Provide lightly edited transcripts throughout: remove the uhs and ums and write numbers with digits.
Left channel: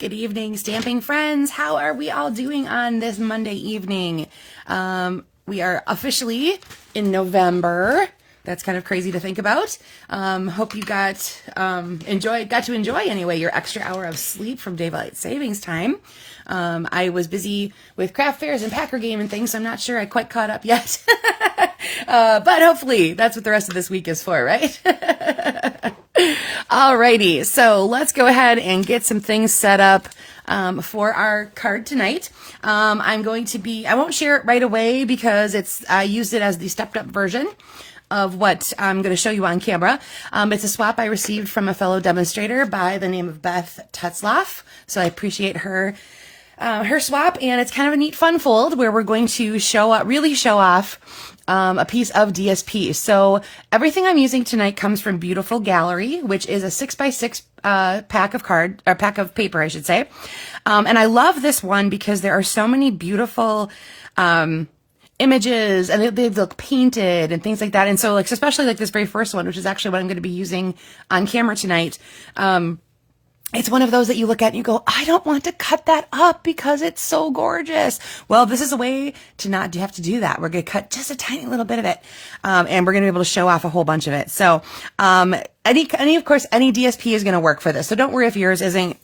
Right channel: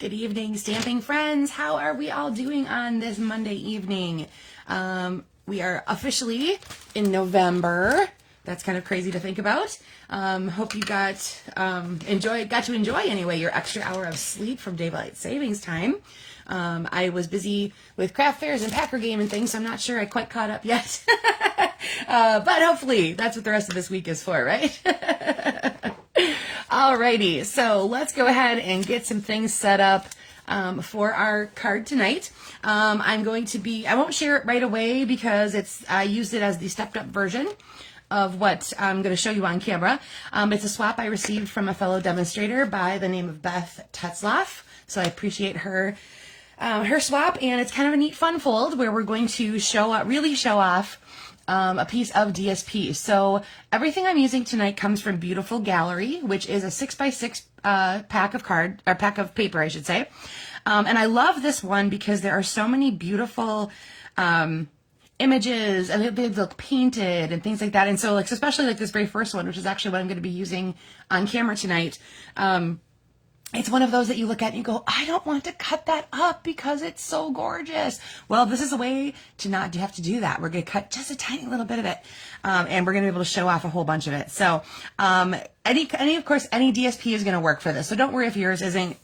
Good evening, stamping friends. How are we all doing on this Monday evening? We are officially in November. That's kind of crazy to think about. Hope you got to enjoy anyway your extra hour of sleep from daylight savings time. I was busy with craft fairs and Packer game and things, so I'm not sure I quite caught up yet. But hopefully that's what the rest of this week is for, right? Alrighty, so let's go ahead and get some things set up for our card tonight. I won't share it right away because I used it as the stepped up version of what I'm going to show you on camera. It's a swap I received from a fellow demonstrator by the name of Beth Tetzlaff. So I appreciate her swap, and it's kind of a neat fun fold where we're going to really show off a piece of DSP. So everything I'm using tonight comes from Beautiful Gallery, which is a 6x6 pack of paper, I should say. And I love this one because there are so many beautiful images, and they look painted and things like that. And so especially this very first one, which is actually what I'm going to be using on camera tonight. It's one of those that you look at and you go, I don't want to cut that up because it's so gorgeous. Well, this is a way to not have to do that. We're going to cut just a tiny little bit of it. And we're going to be able to show off a whole bunch of it. So, any DSP is going to work for this. So don't worry if yours isn't,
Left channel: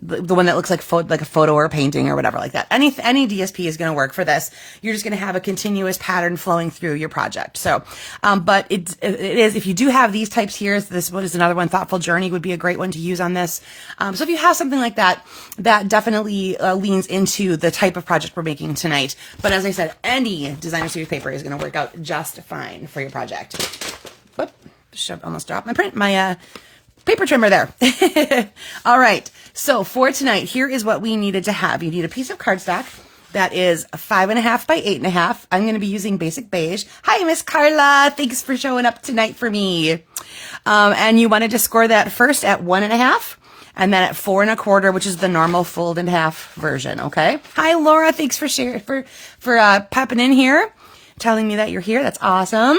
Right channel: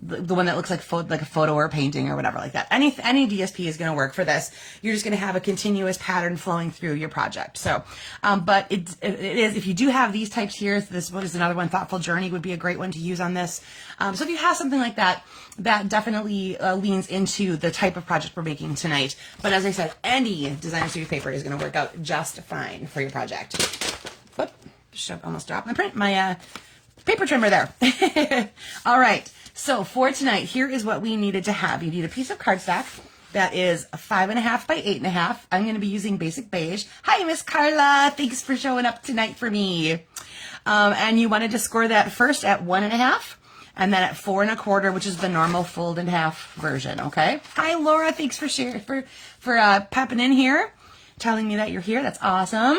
the one that looks like a photo or a painting or whatever like that. Any DSP is going to work for this. You're just going to have a continuous pattern flowing through your project. So, but it is, if you do have these types here, this one is another one. Thoughtful Journey would be a great one to use on this. So if you have something like that, that definitely leans into the type of project we're making tonight. But as I said, any designer series paper is going to work out just fine for your project. Whoop, almost dropped my paper trimmer there. All right. So for tonight, here is what we needed to have. You need a piece of cardstock that is 5.5 by 8.5. I'm going to be using basic beige. Hi, Miss Carla. Thanks for showing up tonight for me. And you wanted to score that first at 1.5 and then at 4.25, which is the normal fold in half version. Okay. Hi, Laura. Thanks for sharing, for popping in here, telling me that you're here. That's awesome.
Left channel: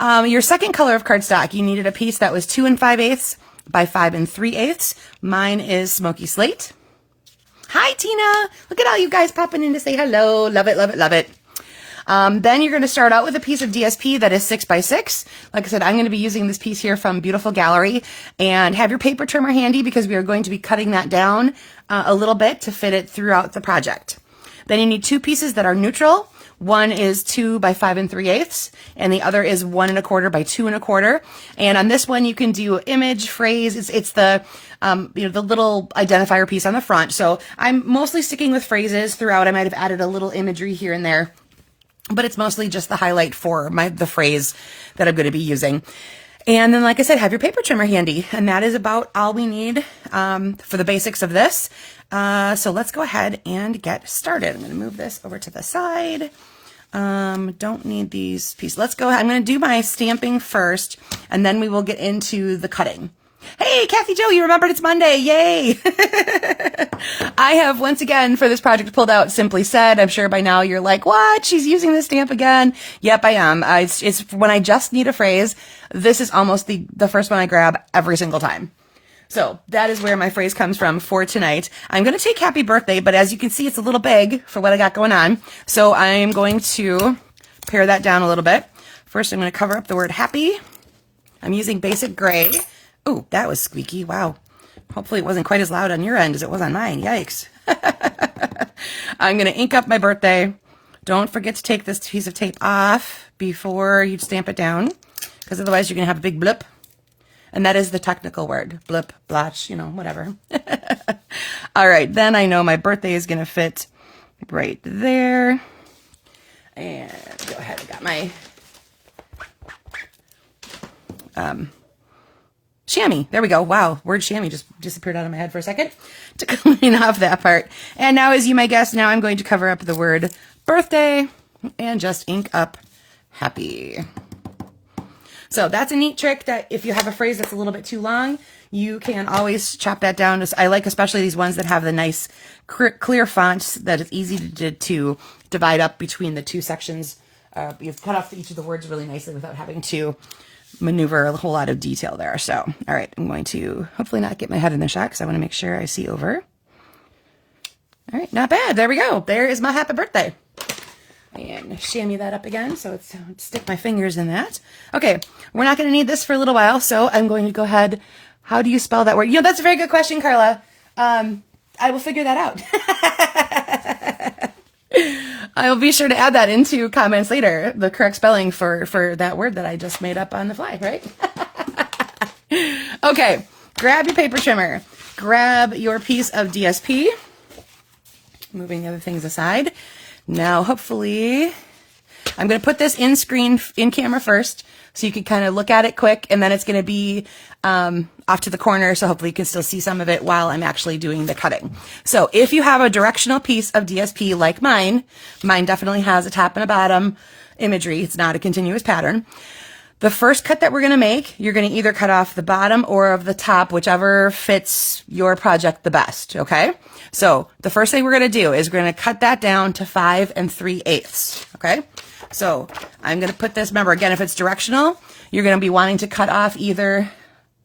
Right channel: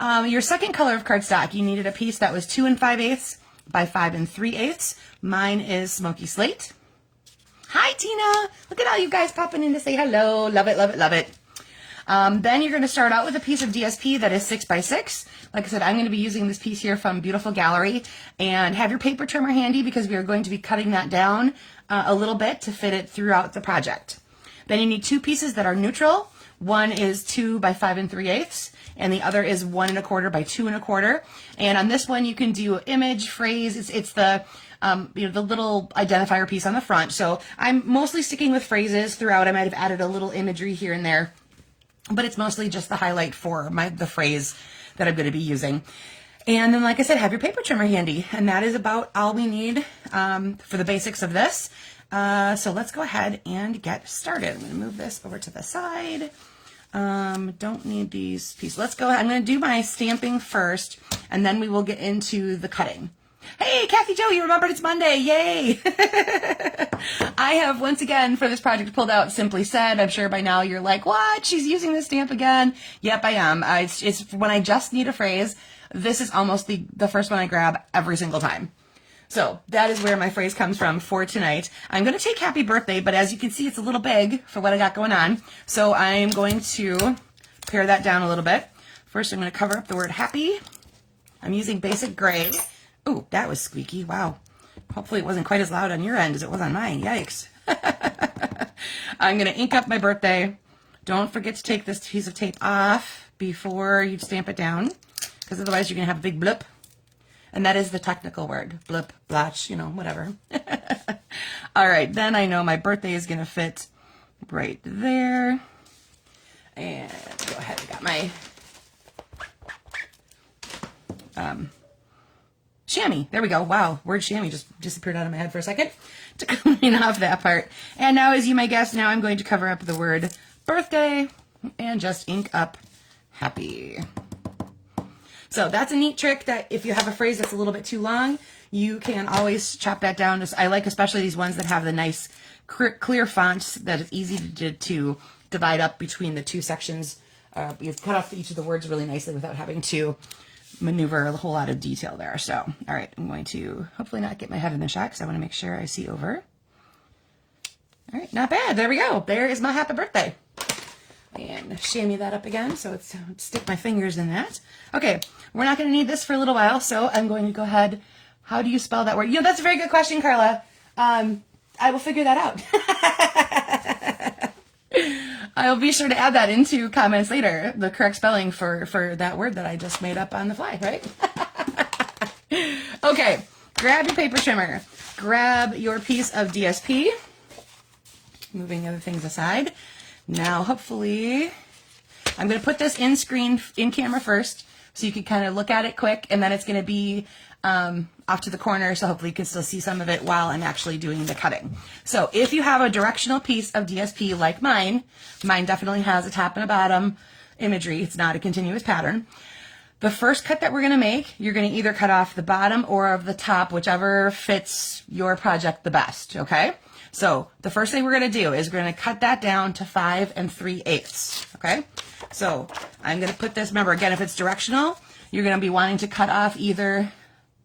Your second color of cardstock, you needed a piece that was 2 5/8 by 5 3/8. Mine is Smoky Slate. Hi, Tina. Look at all you guys popping in to say hello. Love it, love it, love it. Then you're going to start out with a piece of DSP that is 6x6. Like I said, I'm going to be using this piece here from Beautiful Gallery. And have your paper trimmer handy because we are going to be cutting that down a little bit to fit it throughout the project. Then you need two pieces that are neutral. One is 2 by 5 3/8, and the other is 1.25 by 2.25. And on this one, you can do image, phrase. It's the the little identifier piece on the front. So I'm mostly sticking with phrases throughout. I might have added a little imagery here and there, but it's mostly just the highlight for the phrase that I'm going to be using. And then, like I said, have your paper trimmer handy, and that is about all we need for the basics of this. So let's go ahead and get started. I'm going to move this over to the side. Don't need these pieces. Let's go ahead. I'm going to do my stamping first, and then we will get into the cutting. Hey, Kathy Jo, you remembered it's Monday. Yay. I have once again for this project pulled out Simply Said. I'm sure by now you're like, what? She's using this stamp again. Yep, I am. It's when I just need a phrase. This is almost the first one I grab every single time. So that is where my phrase comes from for tonight. I'm going to take Happy Birthday, but as you can see, it's a little big for what I got going on. So I'm going to pare that down a little bit. First, I'm going to cover up the word happy. I'm using basic gray. Ooh, that was squeaky. Wow. Hopefully it wasn't quite as loud on your end as it was on mine. Yikes. I'm going to ink up my birthday. Don't forget to take this piece of tape off before you stamp it down, because otherwise you're going to have a big blip. And that is the technical word. Blip, blotch, whatever. All right, then I know my birthday is going to fit right there. And go ahead, I got my chamois. There we go. Wow, word chamois just disappeared out of my head for a second to clean off that part. And now, as you may guess, now I'm going to cover up the word birthday and just ink up happy. So that's a neat trick that if you have a phrase that's a little bit too long, you can always chop that down. I like especially these ones that have the nice clear fonts that it's easy to divide up between the two sections. You've cut off each of the words really nicely without having to maneuver a whole lot of detail there. So, all right, I'm going to hopefully not get my head in the shot because I want to make sure I see over. All right, not bad. There we go. There is my happy birthday. And chamois that up again, so it's stick my fingers in that. Okay, we're not going to need this for a little while, so I'm going to go ahead. How do you spell that word? You know, that's a very good question, Carla. I will figure that out. I will be sure to add that into comments later, the correct spelling for that word that I just made up on the fly, right? Okay, grab your paper trimmer. Grab your piece of DSP. Moving other things aside. Now, hopefully, I'm going to put this in camera first, so you can kind of look at it quick, and then it's going to be off to the corner, so hopefully you can still see some of it while I'm actually doing the cutting. So if you have a directional piece of DSP like mine definitely has a top and a bottom imagery. It's not a continuous pattern. The first cut that we're going to make, you're going to either cut off the bottom or of the top, whichever fits your project the best, okay? So the first thing we're going to do is we're going to cut that down to 5 3/8, okay? So I'm going to put this, remember again, if it's directional, you're going to be wanting to cut off either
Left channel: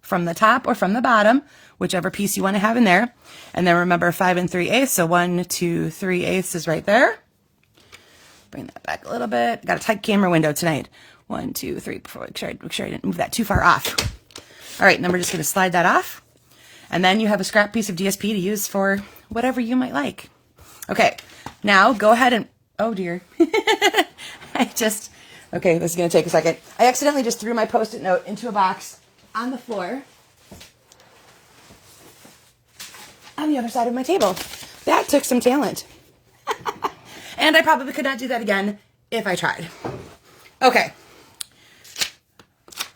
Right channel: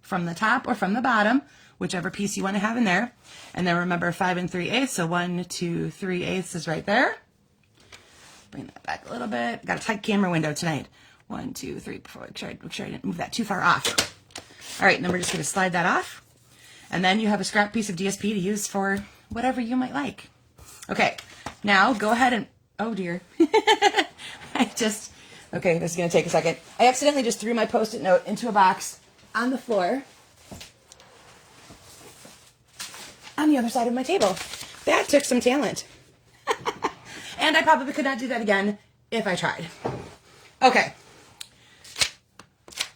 from the top or from the bottom, whichever piece you want to have in there. And then remember 5 3/8, so 1 2 3/8 is right there. Bring that back a little bit. Got a tight camera window tonight. 1 2 3, make sure I didn't move that too far off. All right, and then we're just going to slide that off. And then you have a scrap piece of DSP to use for whatever you might like. Okay, now go ahead and, oh dear. Okay, this is going to take a second. I accidentally just threw my Post-it note into a box on the floor on the other side of my table. That took some talent. And I probably could not do that again if I tried. Okay.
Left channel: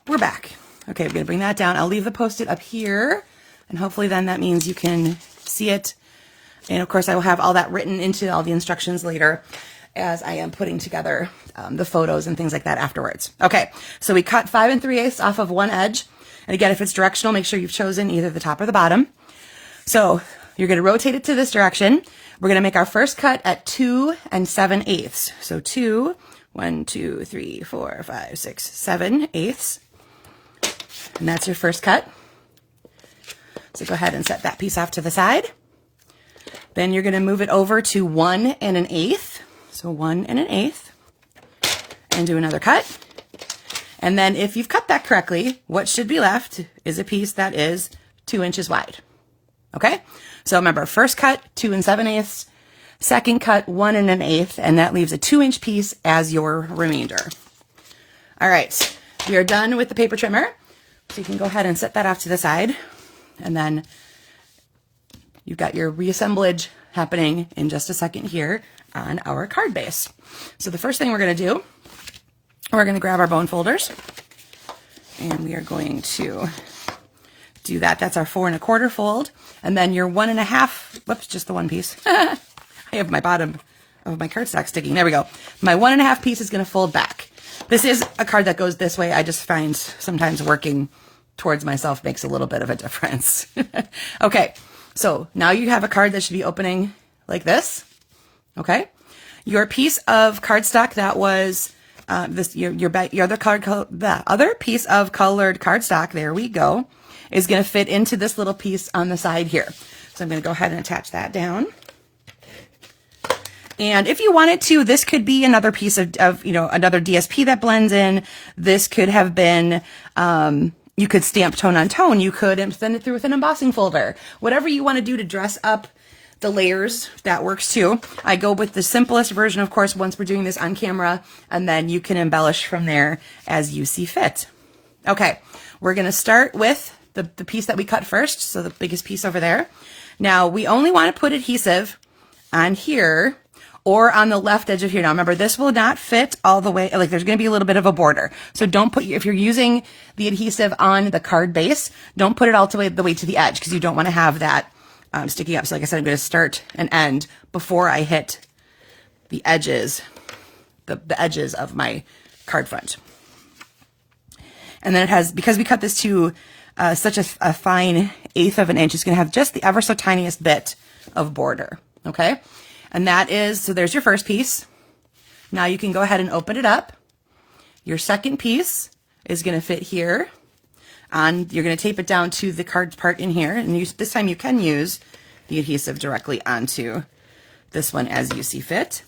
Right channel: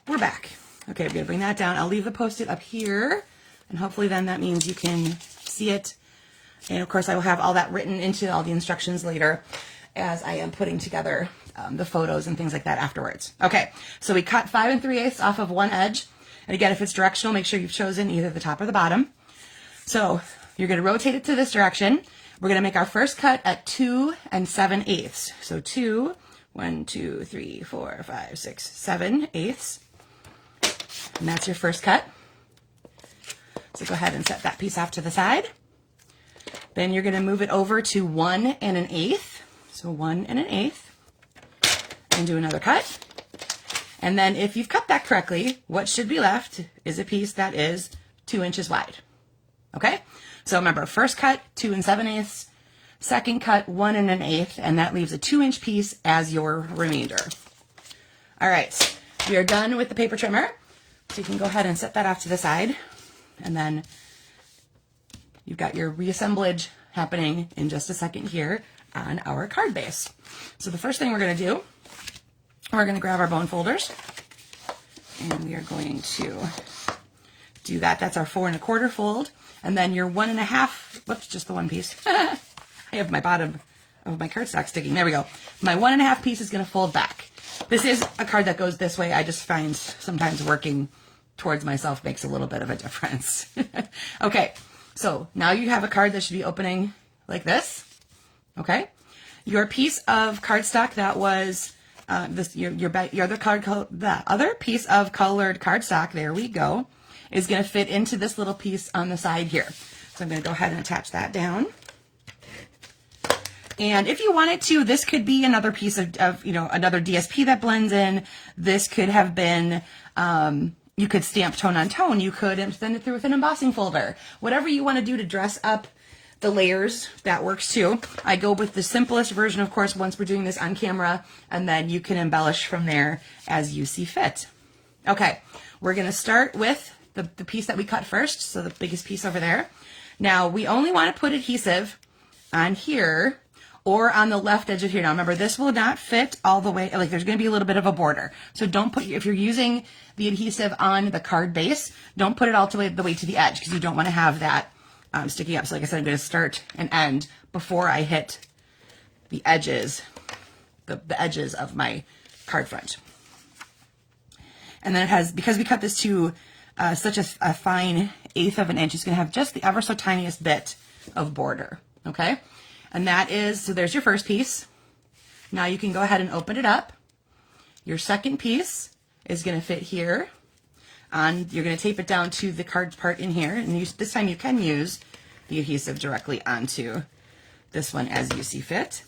We're back. Okay, I'm going to bring that down. I'll leave the Post-it up here, and hopefully then that means you can see it. And of course, I will have all that written into all the instructions later as I am putting together the photos and things like that afterwards. Okay, so we cut 5 3/8 off of one edge. And again, if it's directional, make sure you've chosen either the top or the bottom. So you're going to rotate it to this direction. We're going to make our first cut at 2 7/8. So 2, 1 2 3 4 5 6 7/8. And that's your first cut. So go ahead and set that piece off to the side. Then you're going to move it over to 1 1/8. So 1 1/8. And do another cut. And then if you've cut that correctly, what should be left is a piece that is 2 inches wide. Okay? So remember, first cut, 2 7/8. Second cut, 1 1/8. And that leaves a 2-inch piece as your remainder. All right. We are done with the paper trimmer. So you can go ahead and set that off to the side. And then you've got your reassemblage happening in just a second here on our card base. So the first thing we're going to do, we're going to grab our bone folders. And we are going to do that. That's our 4 1/4 fold. And then your 1 1/2, whoops, just the one piece. I have my bottom of my cardstock sticking. There we go. My 1 1/2 piece is going to fold back. This is a card that goes this way. I just find sometimes working towards myself makes a little bit of a difference. Okay, so now you have a card that should be opening like this. Okay, your piece of cardstock that was the other piece of colored cardstock, there we go, is going to fit into this little piece on the side here. So I'm going to go ahead and attach that down. And if you wanted to, this could be another piece of another DSP that blends in. This could have been, you could stamp tone on tone. You could send it through with an embossing folder. Whatever you want to do to dress up the layers, that works too. I go with the simplest version, of course, once we're doing this on camera, and then you can embellish from there as you see fit. Okay, we're going to start with the piece that we cut first, so the biggest piece over there. Now, we only want to put adhesive on here or on the left edge of here. Now remember, this will not fit all the way, like there's going to be a little bit of a border. So don't put, if you're using the adhesive on the card base, don't put it all the way to the edge because you don't want to have that sticking up. So like I said, I'm going to start and end before I hit the edges, the edges of my card front. And then it has, because we cut this to such a fine 1/8 of an inch, it's going to have just the ever so tiniest bit of border. Okay. And that is, so there's your first piece. Now you can go ahead and open it up. Your second piece is going to fit here. You're going to tape it down to the card part in here, and this time you can use the adhesive directly onto this one as you see fit.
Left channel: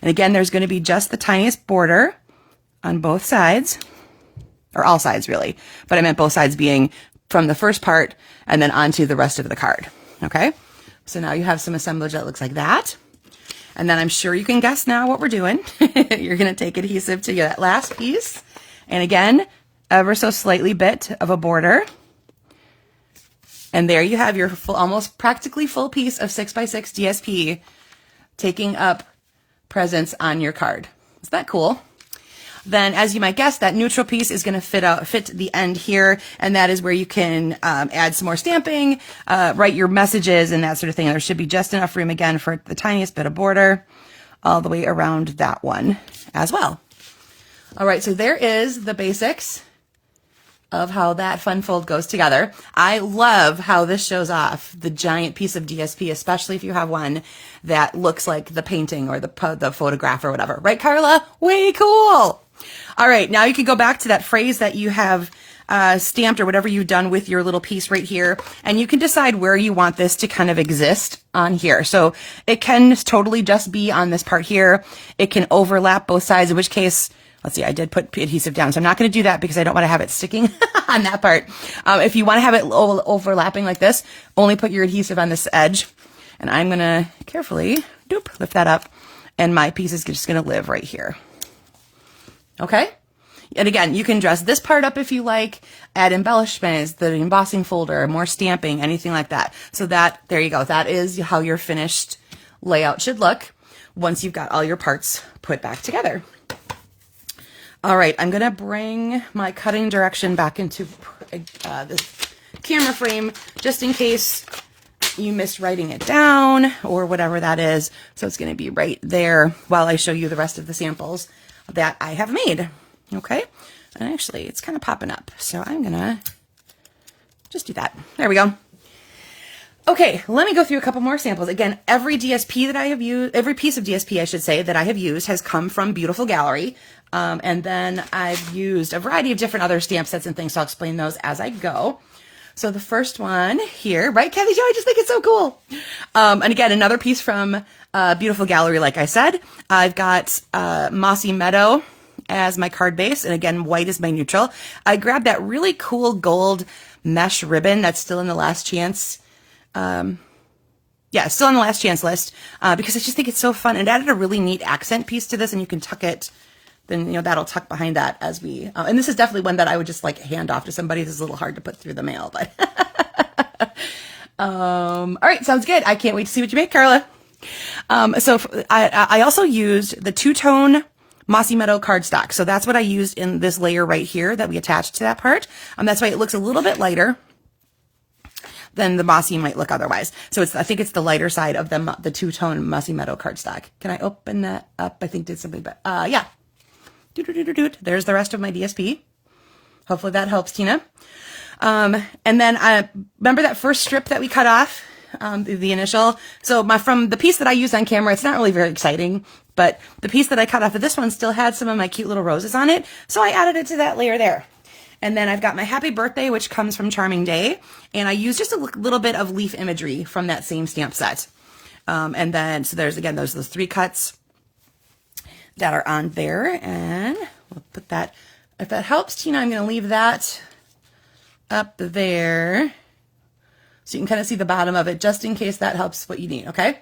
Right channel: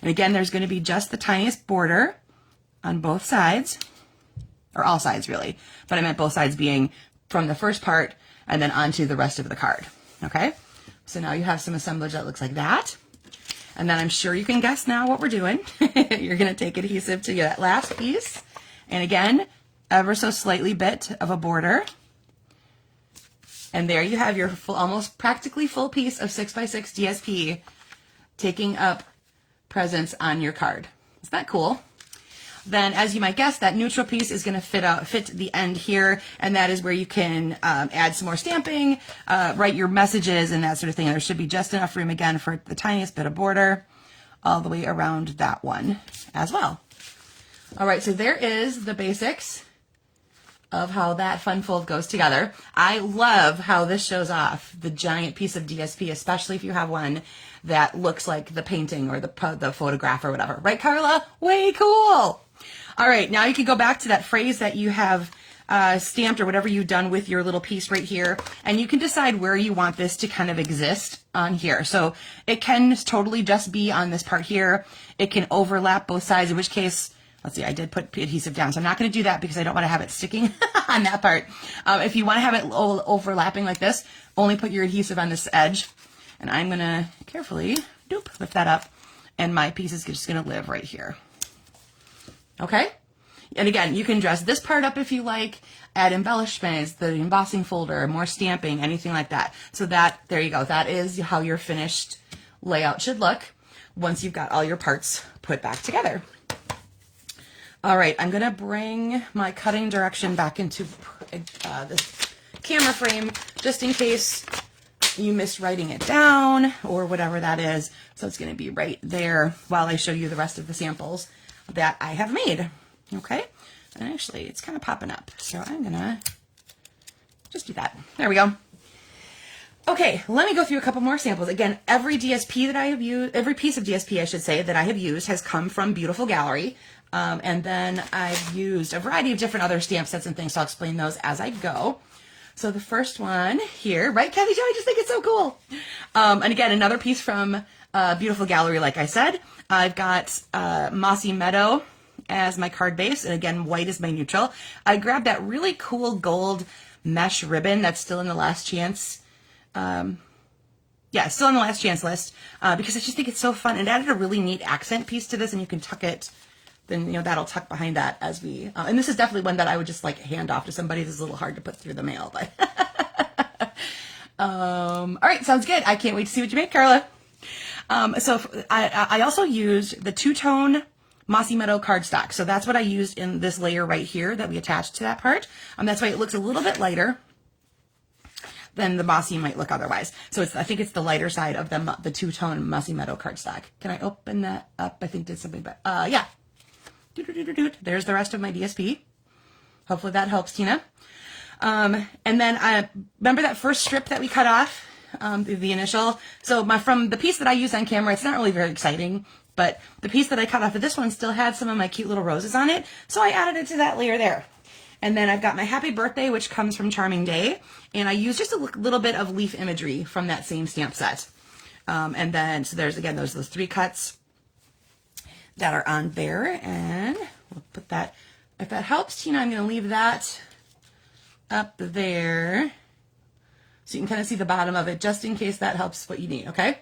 And again, there's going to be just the tiniest border on both sides, or all sides really, but I meant both sides being from the first part and then onto the rest of the card. Okay, so now you have some assemblage that looks like that. And then I'm sure you can guess now what we're doing. You're going to take adhesive to that last piece, and again, ever so slightly bit of a border. And there you have your full, almost practically full piece of 6x6 DSP taking up presence on your card. Is that cool? Then, as you might guess, that neutral piece is going to fit the end here, and that is where you can add some more stamping, write your messages and that sort of thing. There should be just enough room again for the tiniest bit of border all the way around that one as well. All right, so there is the basics of how that fun fold goes together. I love how this shows off the giant piece of DSP, especially if you have one that looks like the painting or the photograph or whatever. Right, Carla? Way cool. All right, now you can go back to that phrase that you have stamped or whatever you've done with your little piece right here, and you can decide where you want this to kind of exist on here. So it can totally just be on this part here. It can overlap both sides, in which case, let's see, I did put adhesive down, so I'm not going to do that because I don't want to have it sticking on that part. If you want to have it overlapping like this, only put your adhesive on this edge. And I'm going to carefully lift that up, and my piece is just going to live right here. Okay? And again, you can dress this part up if you like, add embellishments, the embossing folder, more stamping, anything like that. So there you go. That is how your finished layout should look once you've got all your parts put back together. All right, I'm going to bring my cutting direction back into this camera frame just in case you missed writing it down or whatever that is. So it's going to be right there while I show you the rest of the samples that I have made. Okay, and actually it's kind of popping up, so I'm going to just do that. There we go. Okay, let me go through a couple more samples. Again, every DSP that I have used, every piece of DSP, I should say, that I have used has come from Beautiful Gallery. And then I've used a variety of different other stamp sets and things, so I'll explain those as I go. So the first one here, right, Kelly Jo? I just think it's so cool. And again, another piece from Beautiful Gallery, like I said. I've got Mossy Meadow as my card base, and again, white is my neutral. I grabbed that really cool gold mesh ribbon that's still in the last chance. Yeah, still on the last chance list because I just think it's so fun. It added a really neat accent piece to this, and you can tuck it. Then, you know, that'll tuck behind that as we, and this is definitely one that I would just like hand off to somebody. This is a little hard to put through the mail, but, all right, sounds good. I can't wait to see what you make, Carla. So I also used the two-tone Mossy Meadow cardstock. So that's what I used in this layer right here that we attached to that part. That's why it looks a little bit lighter than the mossy might look otherwise. So I think it's the lighter side of the two-tone Mossy Meadow cardstock. Can I open that up? I think did something, but yeah. There's the rest of my DSP. Hopefully that helps, Tina. And then I remember that first strip that we cut off, the initial. So from the piece that I used on camera, it's not really very exciting, but the piece that I cut off of this one still had some of my cute little roses on it. So I added it to that layer there. And then I've got my Happy Birthday, which comes from Charming Day. And I used just a little bit of leaf imagery from that same stamp set. And then, so there's, again, those 3 cuts that are on there, and we'll put that, if that helps, Tina, I'm going to leave that up there so you can kind of see the bottom of it, just in case that helps what you need, okay?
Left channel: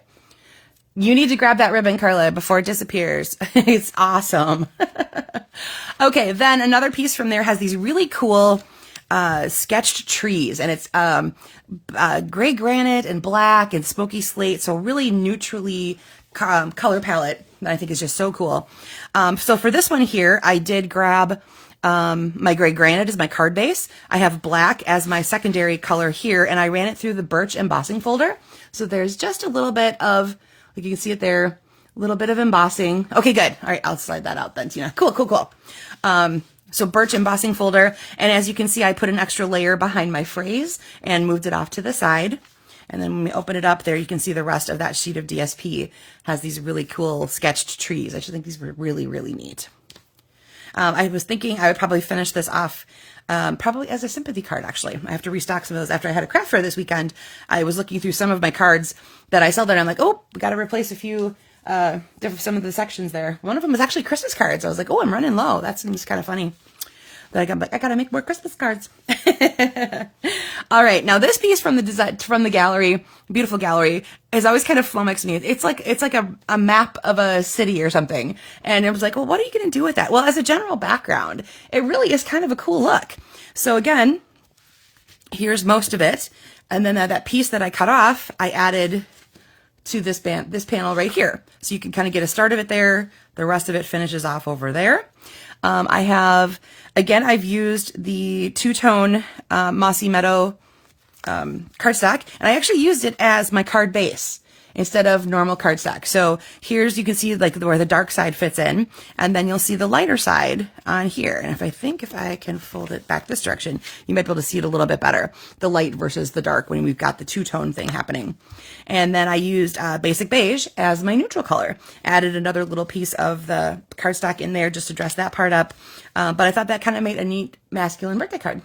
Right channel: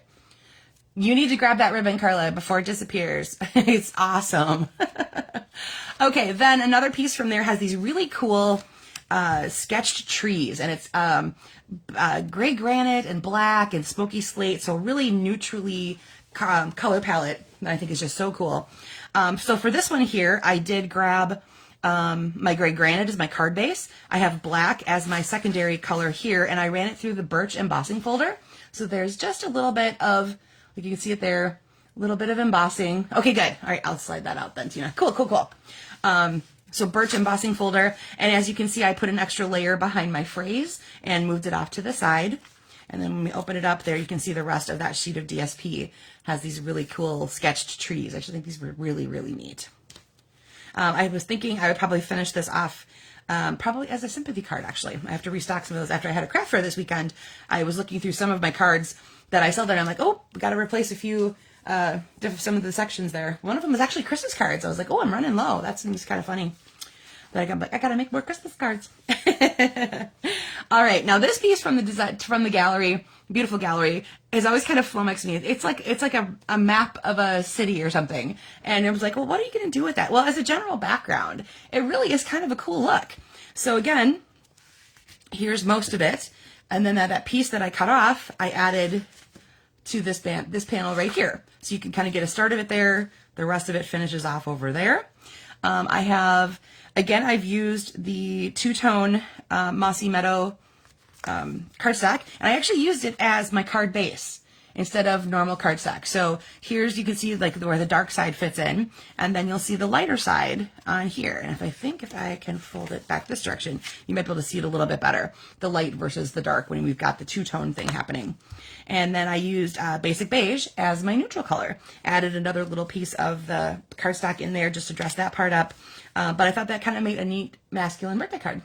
You need to grab that ribbon, Carla, before it disappears. It's awesome. Okay, then another piece from there has these really cool sketched trees, and it's gray granite and black and smoky slate, so really neutrally color palette that I think is just so cool. So for this one here, I did grab my gray granite as my card base. I have black as my secondary color here, and I ran it through the birch embossing folder. So there's just a little bit of, like you can see it there, a little bit of embossing. Okay, good. All right, I'll slide that out then, Tina. Cool, cool, cool. So birch embossing folder, and as you can see, I put an extra layer behind my phrase and moved it off to the side. And then when we open it up there, you can see the rest of that sheet of DSP has these really cool sketched trees. I should think these were really, really neat. I was thinking I would probably finish this off probably as a sympathy card, actually. I have to restock some of those after I had a craft fair this weekend. I was looking through some of my cards that I sell there, and I'm like, oh, we got to replace a few, some of the sections there. One of them was actually Christmas cards. I was like, oh, I'm running low. That seems kind of funny. Like, I'm like, I gotta make more Christmas cards. All right, now this piece from the gallery, beautiful gallery, has always kind of flummoxed me. It's like a map of a city or something, and it was like, well, what are you gonna do with that? Well, as a general background, it really is kind of a cool look. So again, here's most of it, and then that piece that I cut off, I added to this panel right here, so you can kind of get a start of it there. The rest of it finishes off over there. I have, again, I've used the two-tone Mossy Meadow cardstock, and I actually used it as my card base instead of normal cardstock. So here's, you can see like where the dark side fits in, and then you'll see the lighter side on here. And if I can fold it back this direction, you might be able to see it a little bit better, the light versus the dark when we've got the two-tone thing happening. And then I used Basic Beige as my neutral color. Added another little piece of the cardstock in there just to dress that part up. But I thought that kind of made a neat masculine birthday card.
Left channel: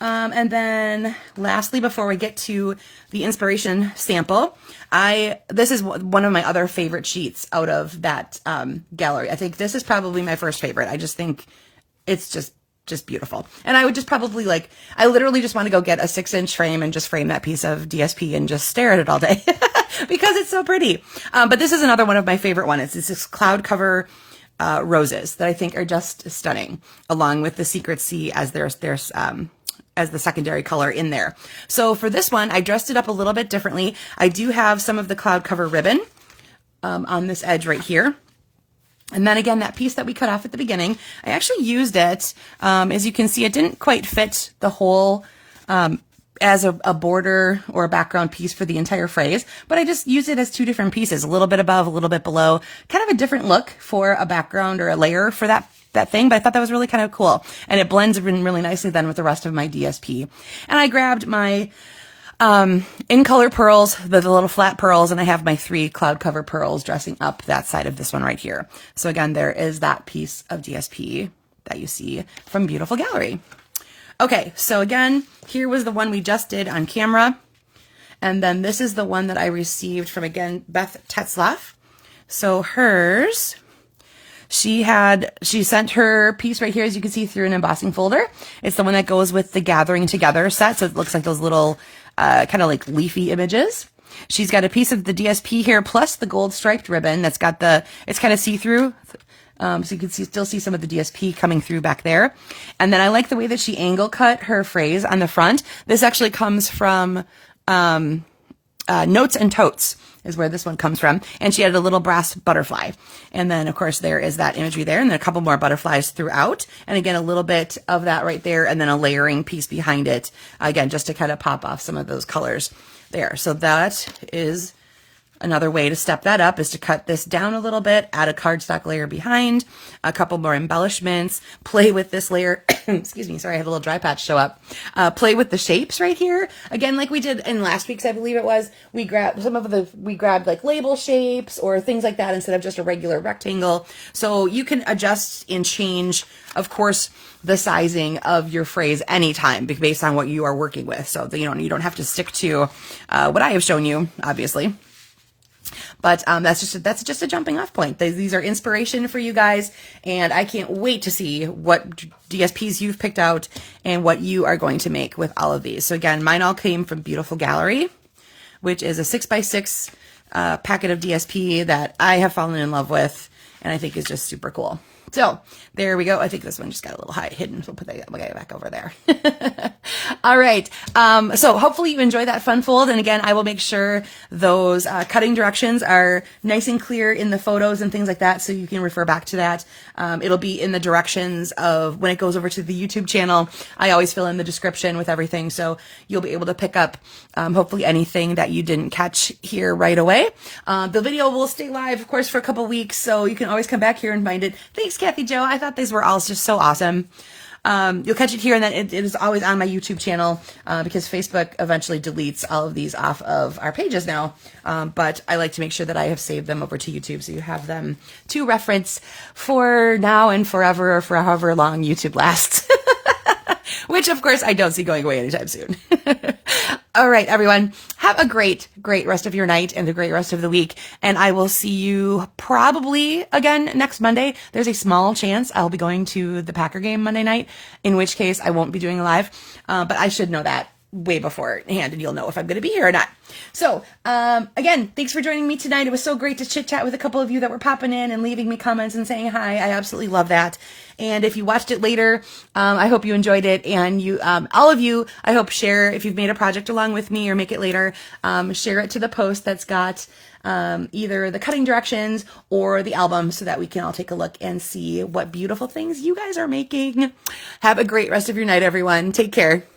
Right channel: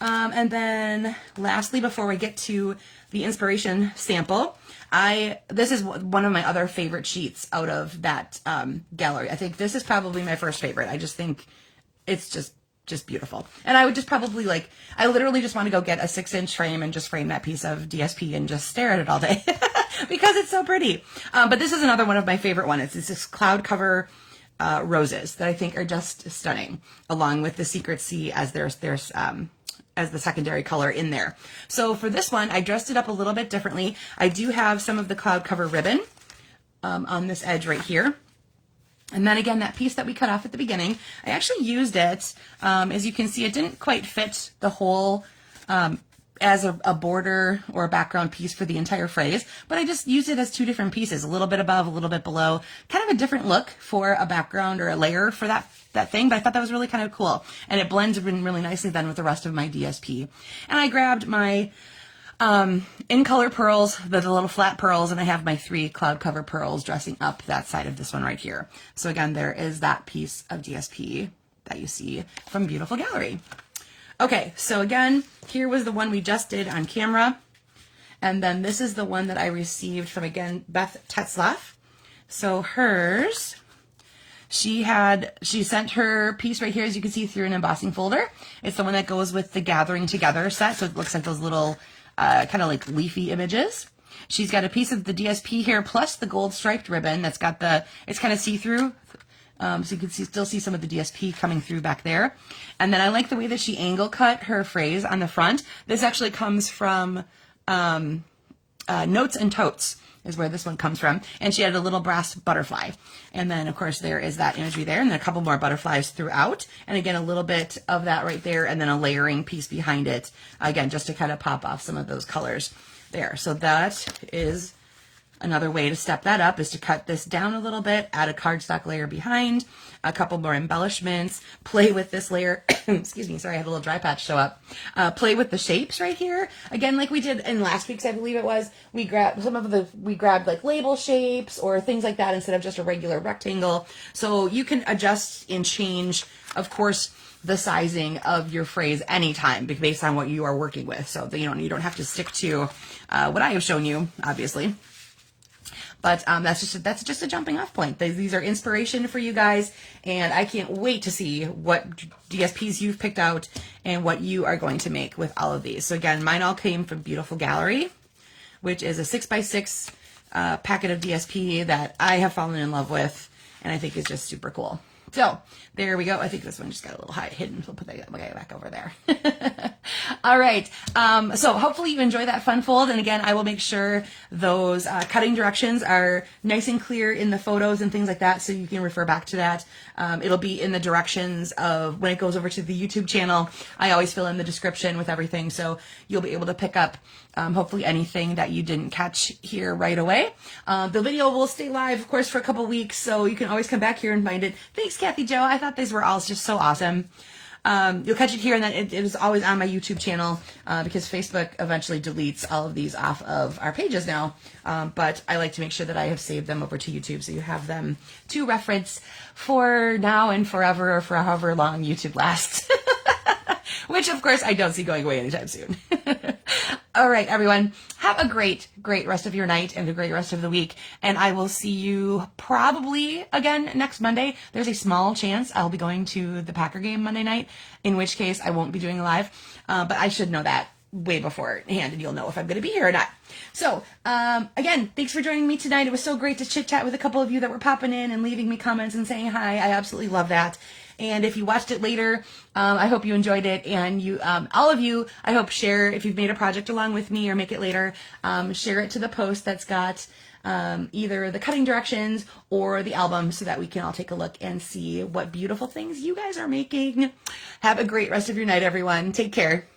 And then lastly, before we get to the inspiration sample, this is one of my other favorite sheets out of that gallery. I think this is probably my first favorite. I just think it's just beautiful. And I would just probably I literally just want to go get a 6-inch frame and just frame that piece of DSP and just stare at it all day because it's so pretty. But this is another one of my favorite ones. It's this cloud cover roses that I think are just stunning, along with the Secret Sea as as the secondary color in there. So for this one, I dressed it up a little bit differently. I do have some of the cloud cover ribbon on this edge right here. And then again, that piece that we cut off at the beginning, I actually used it. As you can see, it didn't quite fit the whole as a border or a background piece for the entire phrase, but I just used it as two different pieces, a little bit above, a little bit below, kind of a different look for a background or a layer for that thing, but I thought that was really kind of cool. And it blends in really nicely then with the rest of my DSP. And I grabbed my in color pearls, the little flat pearls, and I have my 3 cloud cover pearls dressing up that side of this one right here. So again, there is that piece of DSP that you see from Beautiful Gallery. Okay, so again, here was the one we just did on camera. And then this is the one that I received from, again, Beth Tetzlaff. So hers, she sent her piece right here, as you can see, through an embossing folder. It's the one that goes with the Gathering Together set, so it looks like those little kind of like leafy images. She's got a piece of the DSP here, plus the gold striped ribbon that's got it's kind of see-through. So you can still see some of the DSP coming through back there. And then I like the way that she angle cut her phrase on the front. This actually comes from Notes and Totes is where this one comes from. And she had a little brass butterfly. And then, of course, there is that imagery there. And then a couple more butterflies throughout. And again, a little bit of that right there. And then a layering piece behind it. Again, just to kind of pop off some of those colors there. So that is another way to step that up, is to cut this down a little bit, add a cardstock layer behind, a couple more embellishments, play with this layer. Excuse me, sorry, I have a little dry patch show up. Play with the shapes right here. Again, like we did in last week's, I believe it was, we grabbed like label shapes or things like that instead of just a regular rectangle. So you can adjust and change, of course, the sizing of your phrase anytime based on what you are working with. So you don't have to stick to what I have shown you, obviously. But that's just a jumping off point. These are inspiration for you guys, and I can't wait to see what DSPs you've picked out and what you are going to make with all of these. So again, mine all came from Beautiful Gallery, which is a 6x6 packet of DSP that I have fallen in love with, and I think is just super cool. So there we go. I think this one just got a little high hidden. So we'll put that guy back over there. All right. So hopefully you enjoy that fun fold. And again, I will make sure those cutting directions are nice and clear in the photos and things like that, so you can refer back to that. It'll be in the directions of when it goes over to the YouTube channel. I always fill in the description with everything, so you'll be able to pick up hopefully anything that you didn't catch here right away. The video will stay live, of course, for a couple weeks, so you can always come back here and find it. Thanks, Kathy Jo. I thought these were all just so awesome. You'll catch it here, and then it is always on my YouTube channel because Facebook eventually deletes all of these off of our pages now. But I like to make sure that I have saved them over to YouTube so you have them to reference for now and forever, or for however long YouTube lasts. Which, of course, I don't see going away anytime soon. All right, everyone. Have a great, great rest of your night and a great rest of the week. And I will see you probably again next Monday. There's a small chance I'll be going to the Packer game Monday night, in which case I won't be doing a live. But I should know that way beforehand, and you'll know if I'm going to be here or not. So, again, thanks for joining me tonight. It was so great to chit chat with a couple of you that were popping in and leaving me comments and saying hi. I absolutely love that. And if you watched it later, I hope you enjoyed it. And you, all of you, I hope share, if you've made a project along with me or make it later, share it to the post that's got either the cutting directions or the album so that we can all take a look and see what beautiful things you guys are making. Have a great rest of your night, everyone. Take care.